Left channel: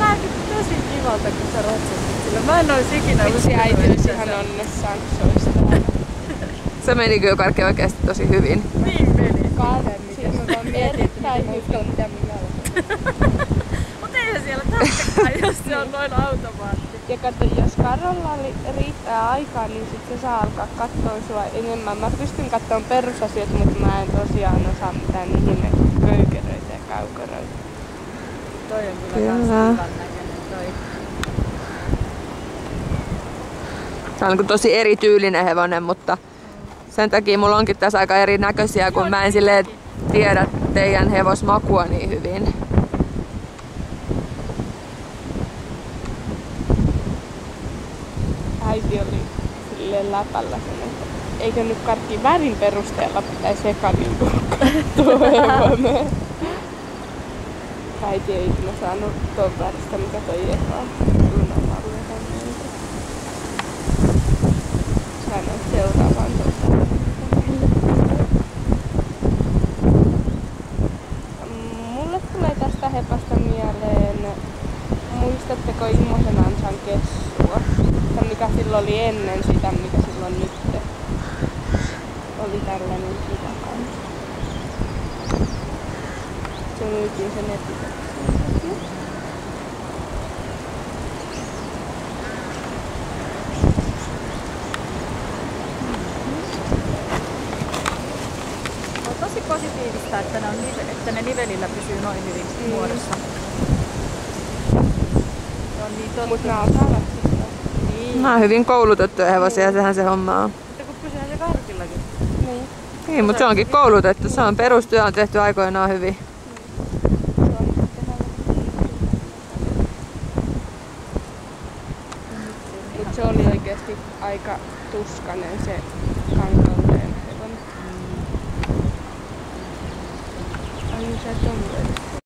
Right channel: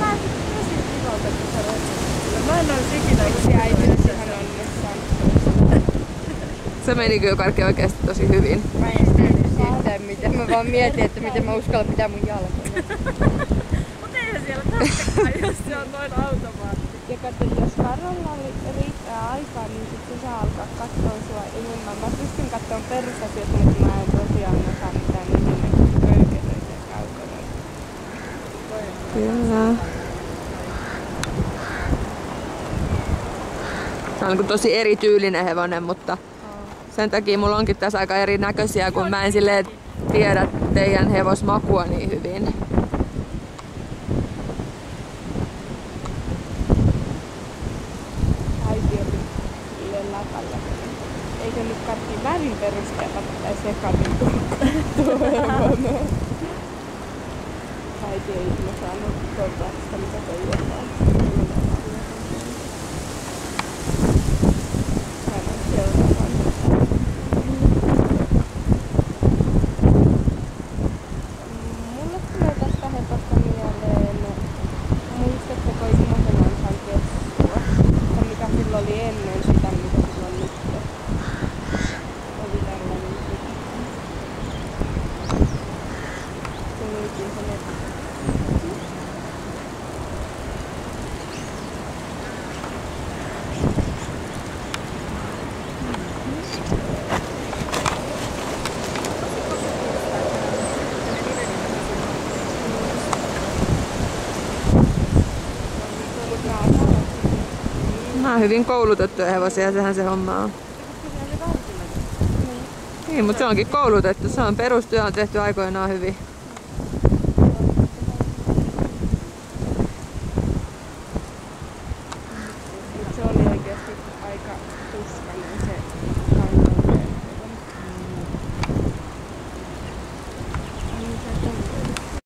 näytit tosi kivalta, kun sä ratsasit sillä. Mä en ois ikinä Vitsi, äiti olisi ihan onnessaan, kun se olisi täällä. Se meni kyllä kaikki oikeesti tosi hyvin. Niin meni. Miten mä vaan mietin, että miten mä uskallan pitää mun jalkoja. Mut eihän siellä tarvitsekaan, jos se on noin automaatti. Ja kato, jos Karolla riittää aikaa, niin sit se saa alkaa katsoa sua enemmän. Mä pystyn katsomaan perusasiat, mutta mä en tosiaan osaa mitään ihme köykeröitä ja kaukoröitä. Toi on Kyllä. Se on tosi erityylinen hevonen, mutta sen takia mulla onkin tässä aika erinäköisiä, kun mä en silleen tiedä teidän hevosmakua niin hyvin. Äiti oli silleen läpällä sen, että eikö nyt karkki värin perusteella pitäisi eka niinku tuo hevonen. Äiti ei ikinä saanut tuon väristä, mikä toi Eka Lunavarjo. Mä en ole seuraavaan tuota. Mulle tulee tästä hepasta mieleen, muistatteko Immosen Ansan kessua? Se mikä silloin oli ennen sitä, mikä silloin nyt oli tällainen sitä kanssa. Se myytiin sen etikettä. Tosi positiivista, että ne nivelillä pysyy noin hyvin muodossa. Mut nää osaavat sitä. Nämä on hyvin koulutettuja hevosia, sehän se homma on. Mutta kun pysyy se värkilläkin. Niin. Niin, mutta se onkin koulutettu. Se on perustyö on tehty aikoinaan hyvin. Mut se oli oikeesti aika tuskainen se Kangalleen hevonen. Ai se tommoinen.